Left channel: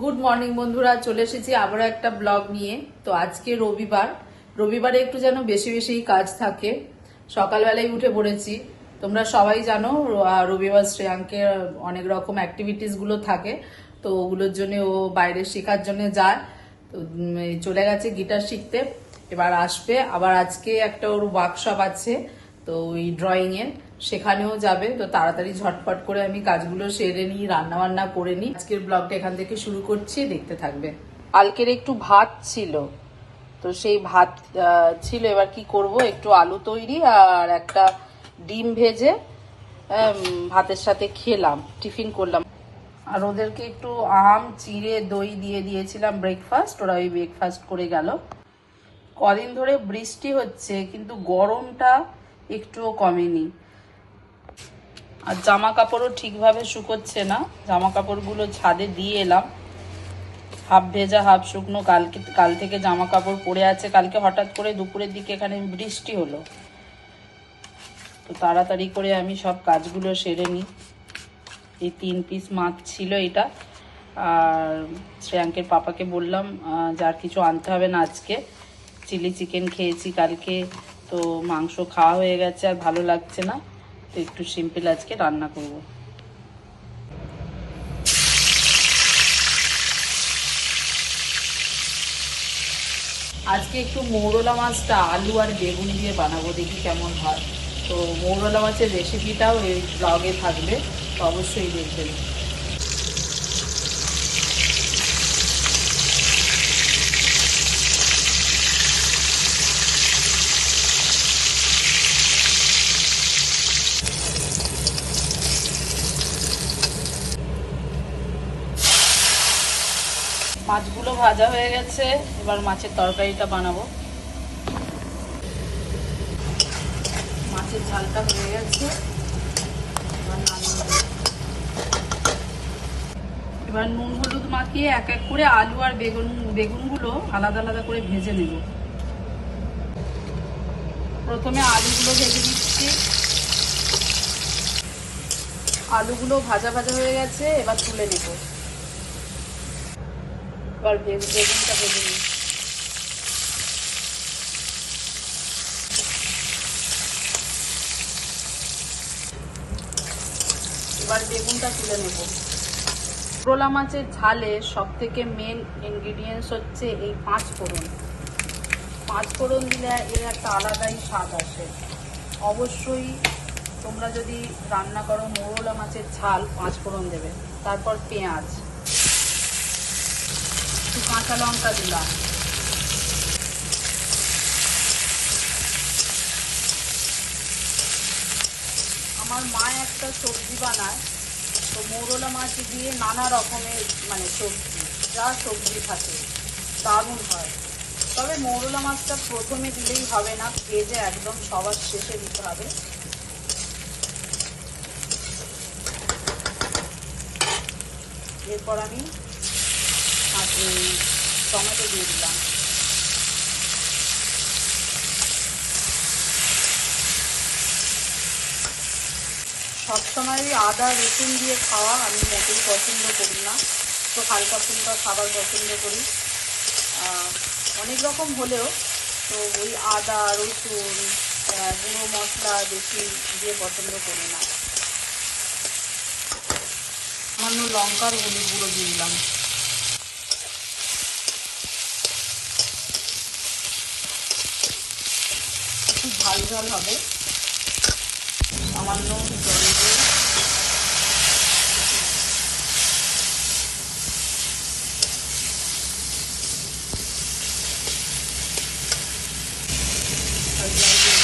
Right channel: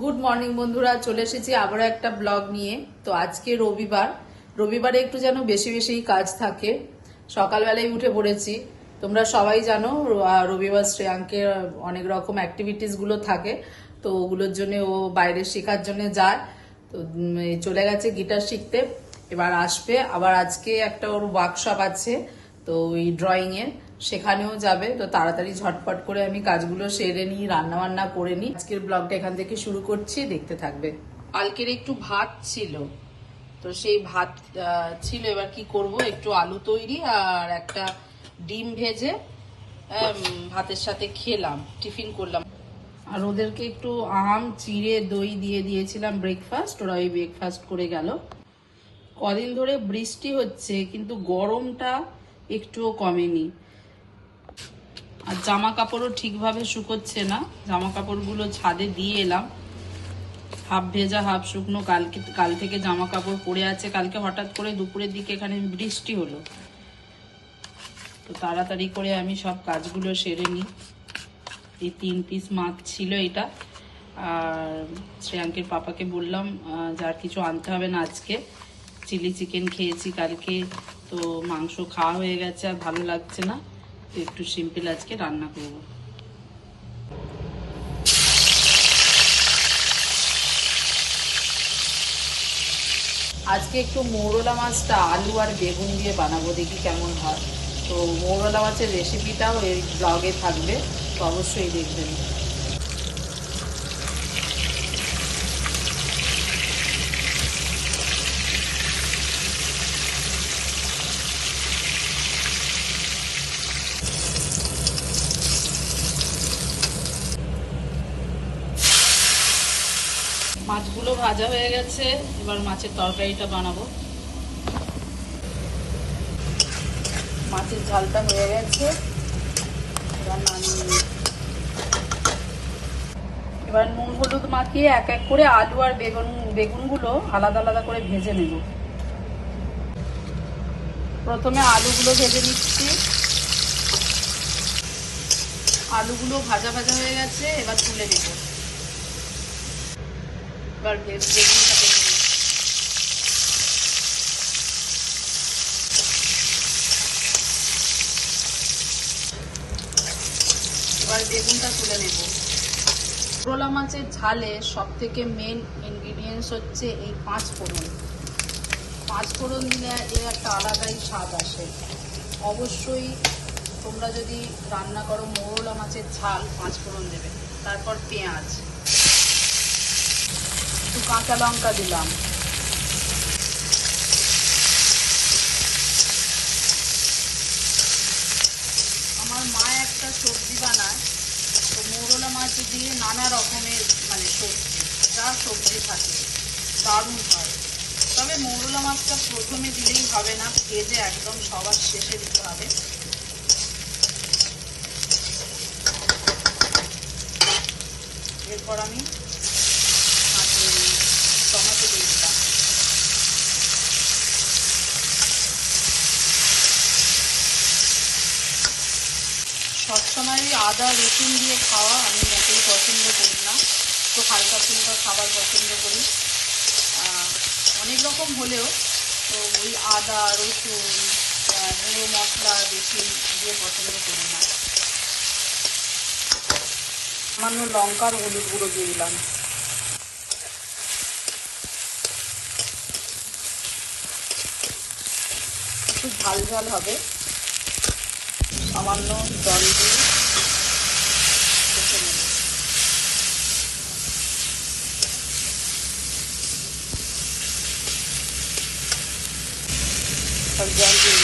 Good morning বন্ধুরা। চলে এসেছি আবার একটা ব্লগ নিয়ে। তো আজকে রবিবার। রবিবারে একটু যেন বেশি বেশি কাজ থাকে। সকালবেলায় উঠে পড়েছি। তোমরা সবাই জানো রবিবার শ্রেয়াঙ্কে অনেক রকম অ্যাক্টিভিটিসগুলো থাকে। তো ওগুলোর জন্য ও বাইরে শেখার জন্য যায়। তো চলে গেছে গিটার শিখতে। এবার আসবে। আবার আজকে একটা ওর ওয়ার্কশপ আছে। তো ওই ড্রয়িং এর সেখানেও যাবে। তো তাড়াতাড়ি ঝটপট করে আমি কাজগুলো সেরে নিই রান্না বান্না করে নিই। আজকের ব্লগটা এখান থেকে শুরু করছি, দেখতে থাকবে। কালকের একটু ভাত ছিল, তো সেই ভাত ছিল। এবার কি করব? একটু আলু তৈরি আর একটা ডিম ভেজে ভাতের সাথে খেলাম, টিফিন করলাম। আর ওদেরকে একটু আম, চিড়ে, দই দিয়ে দিয়েছিলাম ব্রেকফাস্ট ওরা ওই ব্রেকফাস্ট করে গেল। কদিন ধরে বৃষ্টি হচ্ছে, কিন্তু গরমটা একটুও কমেনি। আর জামা কাপড়ও ঠিকভাবে শুকোচ্ছে না। জামা কাপড়গুলো ছাদে দিয়ে এলাম। হাফ ভেজা, হাফ শুকনো। কালকে, কাল থেকে জামা কাপড় পরে আছে। কালকে হঠাৎ করে দুপুরের দিকে এখানে বৃষ্টি হলো। তো তাড়াতাড়ি করে আমি সব কাজগুলো সেরে নিই। এই তিন পিস মাছ ছিল এটা। আর শ্রেয়াঙ্কের পাপাকে বললাম যার কিছু আনতে হবে না আজকে। চিলি চিকেন খেয়েছি কালকে। তো মাংস খাওয়া হয়ে গেছে আর ভালো লাগছে না, তো একটু সিম্পল আজকে রান্না করব। আজকে একটু মৌরলা মাছটা আলু আর বেগুন দিয়ে বানাবো, দেখি কেমন হয়। তো মৌরলা মাছের রেসিপিটাও এই ব্লগে থাকবে, তো অবশ্যই দেখবেন। মাছগুলো ভাজা হয়ে গেছে। এবার মাছের তরকারিটা বানাবো। মাছের ঝালটা হয়ে গেছে। এবার নুন হলুদ মাখিয়ে এক এক করে আলু আর বেগুন, বেগুনগুলো আলাদা আলাদা করে ভেজে নেব। প্রথমে আলুগুলো ভেজে নিচ্ছি। আলুগুলো ভাজা ভাজা হয়ে গেছে, এবার তুলে নেব। এবার বে- বেগুনটা নিই এবার বেগুনটা তুলে নেব। করলা মাছের ঝালে সব থেকে মেন ইনগ্রিডিয়েন্টস হচ্ছে এই পাঁচ ফোড়ন। পাঁচ ফোড়ন দিলে এর একটা আলাদাই স্বাদ আসে। অবশ্যই তোমরা যদি রান্না করো মোরলা মাছের ঝাল, পাঁচ ফোড়ন দেবে। তারপর পেঁয়াজ। একটু কাঁচা লঙ্কা দিলাম। আমার মা একটা সবজি বানায়, তো মৌরলা মাছ দিয়ে নানা রকমের মানে সবজি, যা সবজি থাকে, দারুণ হয়। তবে মৌরলা মাছটা প্রথমে দিলেই হবে না, ভেজে একদম সবার শেষে দিতে হবে। এরপর আমি টমেটো দিয়ে দিলাম। সবসময় আদা, রসুন দিয়ে খাওয়া আমি মোটেই পছন্দ করি না। তো হালকা ফুলকা খাবার পছন্দ করি। অনেক রকম হলেও তো ওই আদা, রসুন গুঁড়ো মশলা বেশি দিয়ে পছন্দ করি না। সামান্য লঙ্কার হলুদ গুঁড়ো দিয়ে দিলাম। ঝাল ঝাল হবে। সামান্য জল দিয়ে জল দিয়ে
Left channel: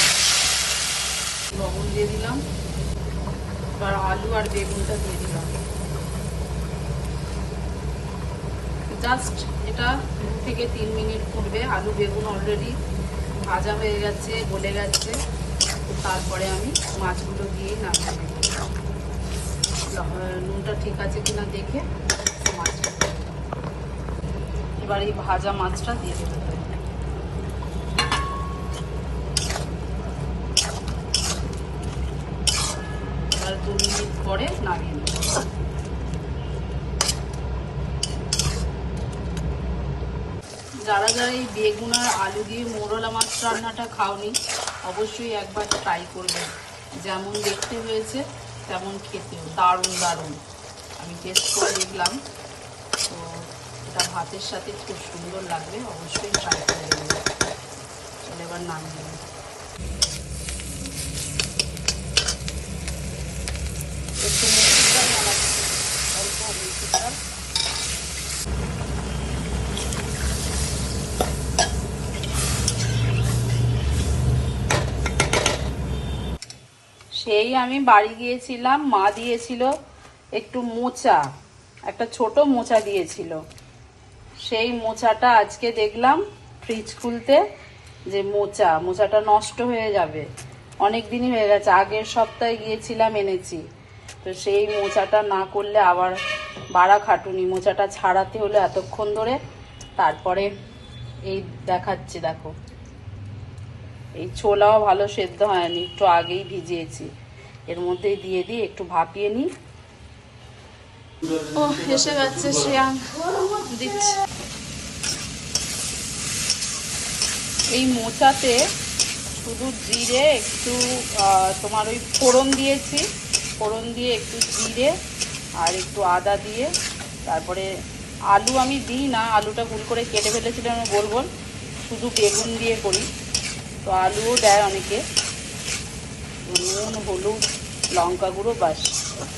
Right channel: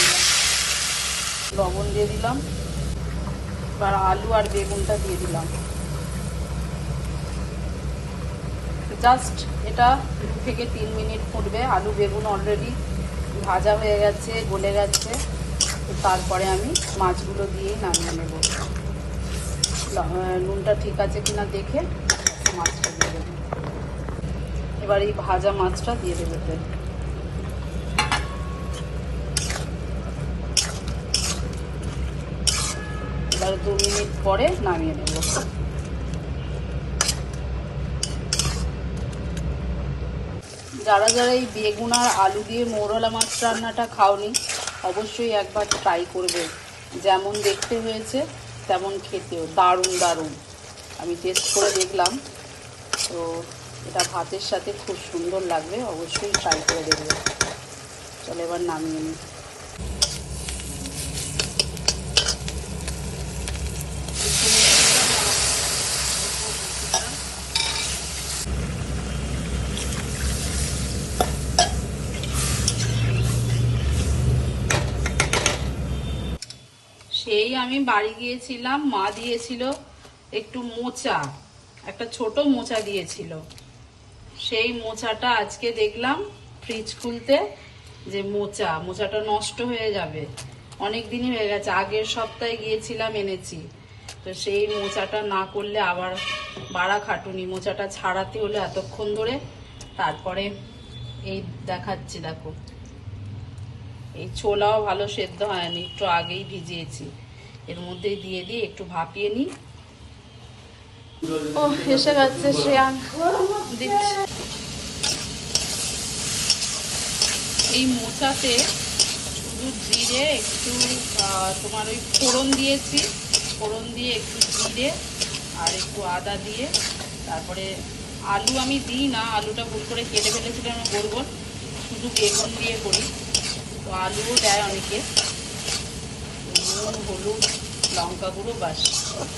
লবণ দিয়ে দিলাম। আর আলু আর বেগুনটা দিয়ে দিলাম। জাস্ট এটা দু থেকে তিন মিনিট ফুটবে। আলু, বেগুন অলরেডি ভাজা হয়ে গেছে, গলে গেছে। তারপরে আমি মাছগুলো দিয়ে নামিয়ে নেব। নুনটা ঠিক আছে কিনা দেখে মাছটা দিয়ে দেবো এবার এই ভাজা মাছটা দিয়ে দেবো। এবার দু মিনিট পরে নামিয়ে নেব। যারা যারা এই বেগুন আর আলু দিয়ে মোরলা মাছ রান্নাটা খাওনি, অবশ্যই একবার ট্রাই করবে যেমন দেখতে হয়েছে, তেমন খেতেও দারুণ দারুণ। আমি টেস্ট করে দেখলাম। তো এটা ভাতের সাথে খুব সুন্দর লাগবে, অবশ্যই ট্রাই করে দেখবে চলে এবার নামিয়ে নিই। একটু মিষ্টিটা সেই আমি বাড়ি গিয়েছিলাম, মা দিয়েছিল একটু মোচা, একটা ছোট মোচা দিয়েছিল। সেই মোচাটা আজকে দেখলাম ফ্রিজ খুলতে যে মোচা, মোচাটা নষ্ট হয়ে যাবে। অনেক দিনই হয়ে গেছে, আগের সপ্তাহে গিয়েছিলাম, এনেছি। তো সেই মোচাটা না করলে আবার বাড়া খাটুনি, মোচাটা ছাড়াতে হলো এতক্ষণ ধরে। তারপরে এই দেখাচ্ছি, দেখো। এই ছোলাও ভালো সেদ্ধ হয়নি, একটু আগেই ভিজিয়েছি। এর মধ্যে দিয়ে দিয়ে একটু ভাপিয়ে নিই। ও এসে গেছে শ্রেয়ান। দিচ্ছে। এই মোচাতে শুধু জিরে একটু তোমার ওই ফোড়ন দিয়েছি। ফোড়ন দিয়ে একটু জিরে আর একটু আদা দিয়ে। তারপরে আলু আমি দিই না আলুটা ভুল করে কেটে ফেলেছিলাম আমি গোল। শুধু বেগুন দিয়ে করি। তো আলুও দেয় অনেকে। নুন, হলুদ, লঙ্কা গুঁড়ো বাস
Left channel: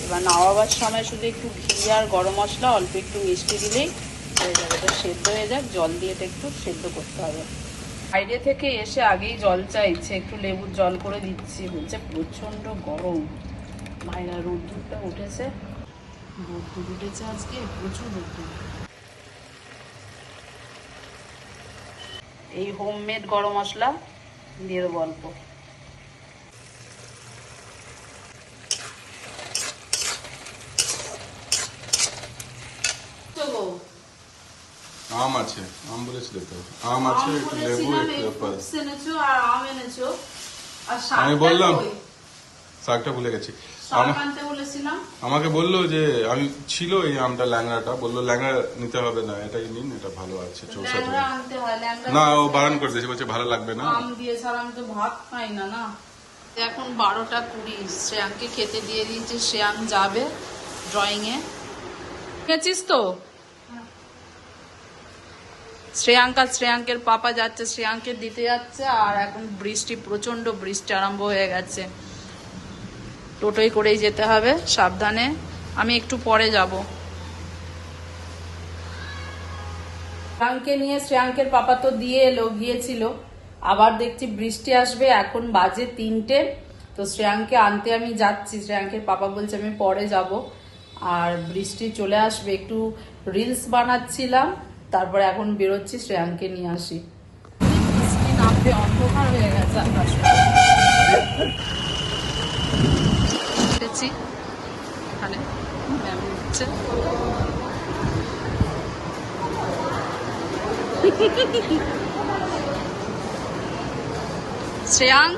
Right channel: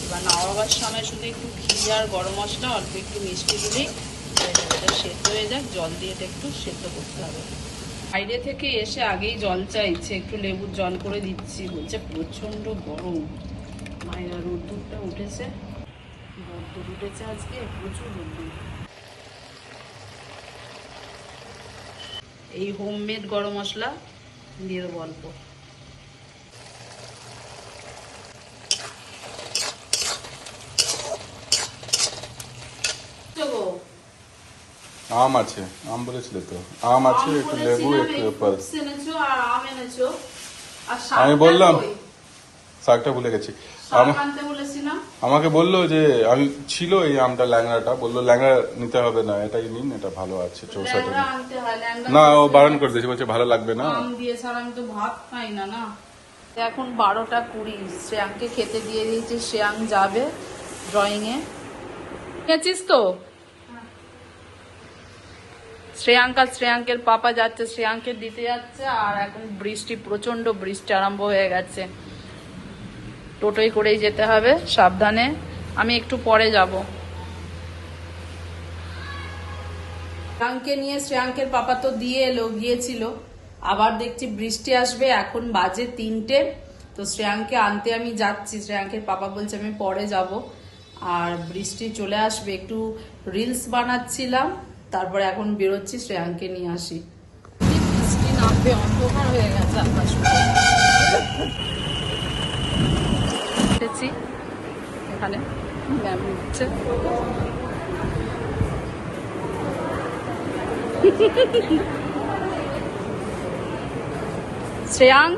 এবার নামাবার সময় শুধু একটু ঘি আর গরম মশলা, অল্প একটু মিষ্টি দিলেই হয়ে যাবে। এটা সেদ্ধ হয়ে যাক, জল দিয়ে এটা একটু সেদ্ধ করতে হবে। বাইরে থেকে এসে আগেই জল চাইছে একটু লেবুর জল করে দিচ্ছি। বলছে প্রচণ্ড গরম। মাইনা রোদ্দুরটা উঠেছে। রোদ্দুর উঠেছে আজকে, প্রচুর রোদ্দুর। এই হোমমেড গরম মশলা দিয়ে দেবো অল্প। আম আছে আম বলেছিলে তো আম আছে একটু লেবু একটু অ্যাপল আর আম বললাম? শাকটা ভুলে গেছি আমা- আমাকে বলল যে আমি ছিল এই আমটা ল্যাংড়াটা বলল ল্যাংড়া নিতে হবে না। এটাই নিন এটা ভালো আছে ল্যাংড়া না ও বারণ করে দিয়েছে বলছে ভালো লাগবে না। আম দিয়ে ছাড়া আমি তো ভাত খাই না না। এখন বারোটা কুড়ি শ্রেয়াংকে খেতে দিয়ে দিয়েছে শ্রেয়াং যাবে ড্রয়িং এ গেছিস তো? শ্রেয়াঙ্ক শ্রেয়াঙ্কের পাপা যাচ্ছে শ্রেয়াঙ্কে দিতে যাচ্ছে, আর এখন বৃষ্টি প্রচণ্ড বৃষ্টি আরম্ভ হয়ে গেছে। টোটোই করেই যেতে হবে, সাবধানে। আমি একটু পরে যাব। শ্রেয়াঙ্কে নিয়ে শ্রেয়াঙ্কের পাপা তো দিয়ে এলো, গিয়েছিল। আবার দেখছি বৃষ্টি আসবে, এখন বাজে তিনটে। তো শ্রেয়াঙ্কে আনতে আমি যাচ্ছি। শ্রেয়াঙ্কের পাপা বলছে, আমি পরে যাব। আর বৃষ্টি চলে আসবে, একটু রিলস বানাচ্ছিলাম। তারপরে এখন বেরোচ্ছি শ্রেয়াঙ্কে নিয়ে আসি। অন্ধকার হয়ে গেছে এখানে দিচ্ছে শ্রেয়াঙ্ক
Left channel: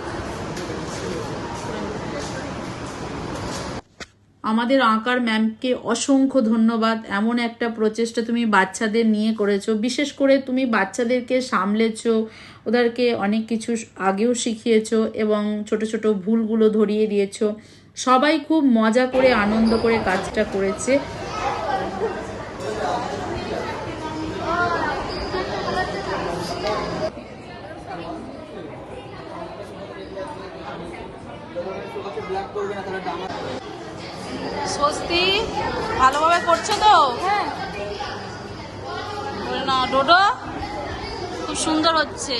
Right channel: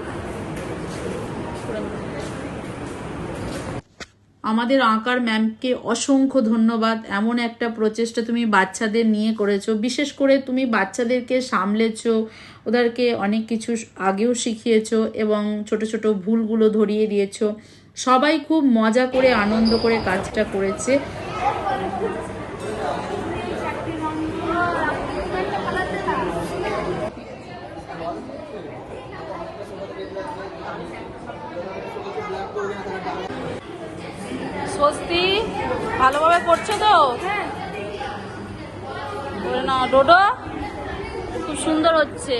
আমাদের আঁকার ম্যামকে অসংখ্য ধন্যবাদ। এমন একটা প্রচেষ্টা তুমি বাচ্চাদের নিয়ে করেছ। বিশেষ করে তুমি বাচ্চাদেরকে সামলেছো, ওদেরকে অনেক কিছু আগেও শিখিয়েছো এবং ছোট ছোট ভুলগুলো ধরিয়ে দিয়েছ। সবাই খুব মজা করে, আনন্দ করে কাজটা করেছে। স্বস্তি, ভালোভাবে করছ তো? না ডোডো, খুব সুন্দর হচ্ছে।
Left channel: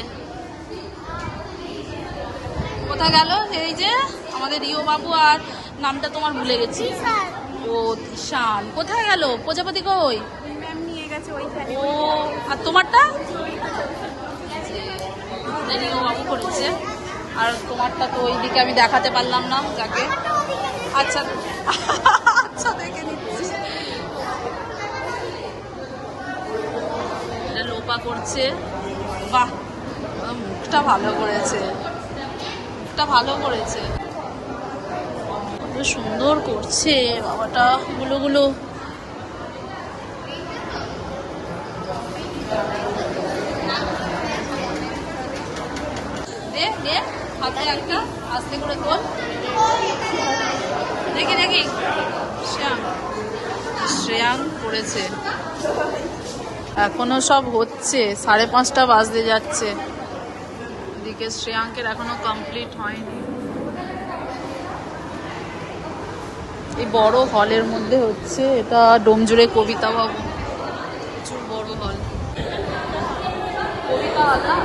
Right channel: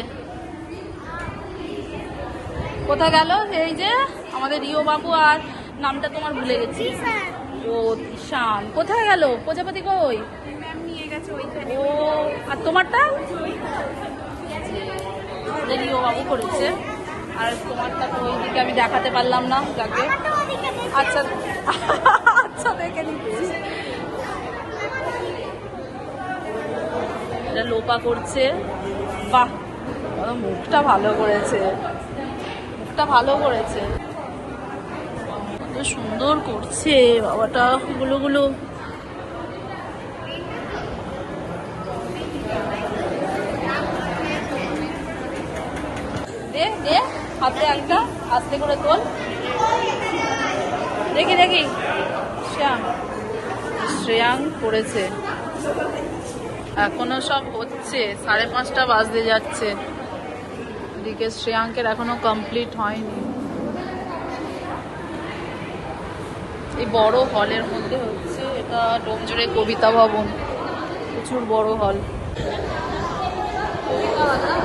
কোথায় গেল? এই যে আমাদের রিও বাবু আর নামটা তোমার ভুলে গেছি। ও শান কোথায় গেল? প্রজাপতি কই? ও, আর তোমারটা? রিও বাবু করেছে। আর তোমারটা তো ওইদিকে আমি দেখাতে পারলাম না যাকে। আচ্ছা। লোপা করছে। বাহ মুখটা ভালো করেছে। মুখটা ভালো করেছে। সুন্দর করছে বাবাটা, গুলো গুলো। দে, হাতে একটা, আস্তে করে তোল। দেখি দেখি। শ্রেয়াং শ্রেয়াং পড়েছে এখনও সব হচ্ছে। সাড়ে পাঁচটা বাজতে যাচ্ছে। এদিকে শ্রেয়াঙ্কের এখনও কমপ্লিট হয়নি। এই বড় হলের মধ্যে হচ্ছে এটা ডোমজুড়ে কবিতা ভবন। প্রচুর বড় হল। কবিতা হল না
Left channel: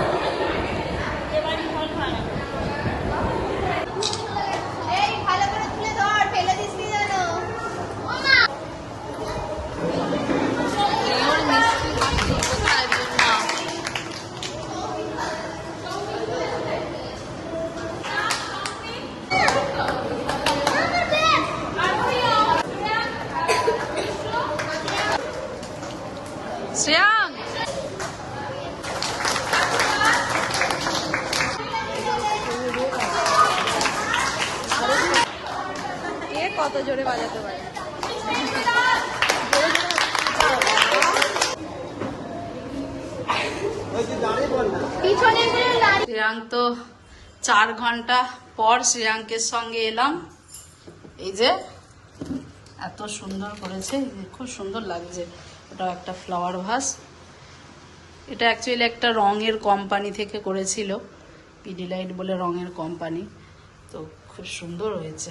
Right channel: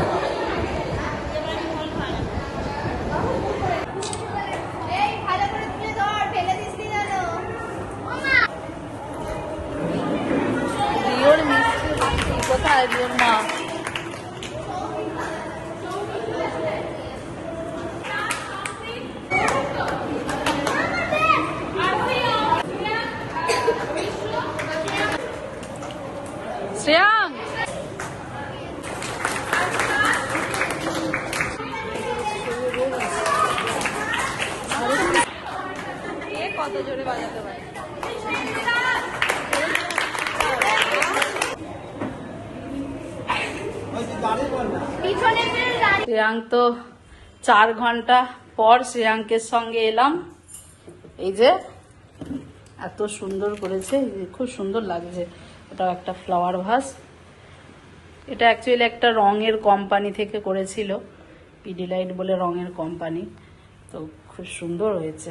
রিওর মিষ্টি হাসি কোথায় রিওর মা শ্রেয়াং এ কত জোরে বাজাতে পারে শ্রেয়াঙ্ক তো চার ঘণ্টা পর শ্রেয়াঙ্কের সঙ্গে এলাম। এই যে, এত সুন্দর করেছে খুব সুন্দর লাগছে। ওটাও একটা ফ্লাওয়ার ভাস এটা অ্যাকচুয়ালি একটা রঙের কোম্পানি থেকে করেছিল পিডিলাইট বলে রঙের কোম্পানি তো খুব সুন্দর হয়েছে।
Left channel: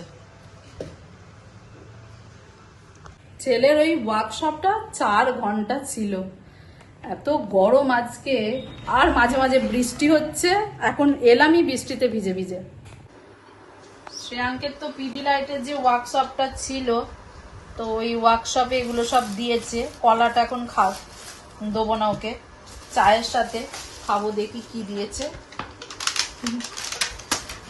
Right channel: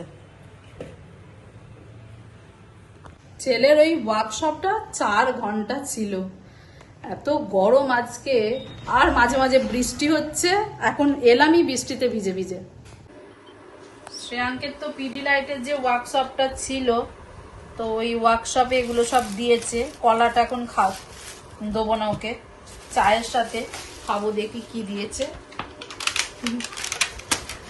ছেলের ওই ওয়ার্কশপটা চার ঘণ্টা ছিল। এত গরম আজকে, আর মাঝে মাঝে বৃষ্টি হচ্ছে, এখন এলামই বৃষ্টিতে ভিজে ভিজে। শ্রেয়াঙ্কের তো পিডি লাইটের যে ওয়ার্কশপটা ছিল, তো ওই ওয়ার্কশপে এগুলো সব দিয়েছে, কলাটা এখন খাও, দেবো না ওকে, চায়ের সাথে খাব, দেখি কি দিয়েছে।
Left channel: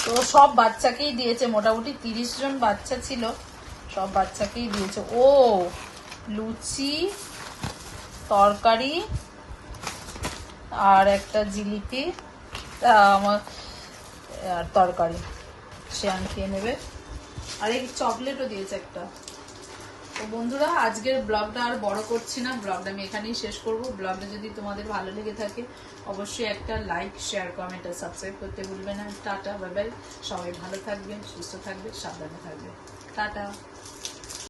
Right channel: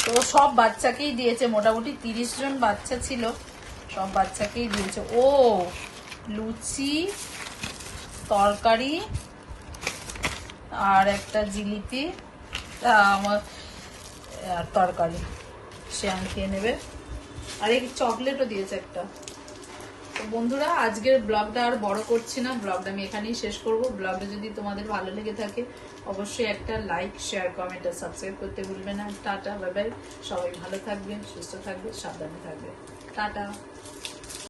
তো সব বাচ্চাকেই দিয়েছে, মোটামুটি তিরিশ জন বাচ্চা ছিল, সব বাচ্চাকেই দিয়েছে। ও, লুচি তরকারি আর একটা জিলিপি আমার তরকারি। সে আমি খেয়ে নেবে। আর এই চকলেটও দিয়েছে একটা। তো বন্ধুরা, আজকের ব্লগটা আর বড় করছি না। ব্লগটা আমি এখানেই শেষ করব। ব্লগটা যদি তোমাদের ভালো লেগে থাকে, অবশ্যই একটা লাইক, শেয়ার, কমেন্ট আর সাবস্ক্রাইব করতে ভুলবে না। Tata, bye bye. সবাই ভালো থাকবেন, সুস্থ থাকবে সাবধানে থাকবে টাটা।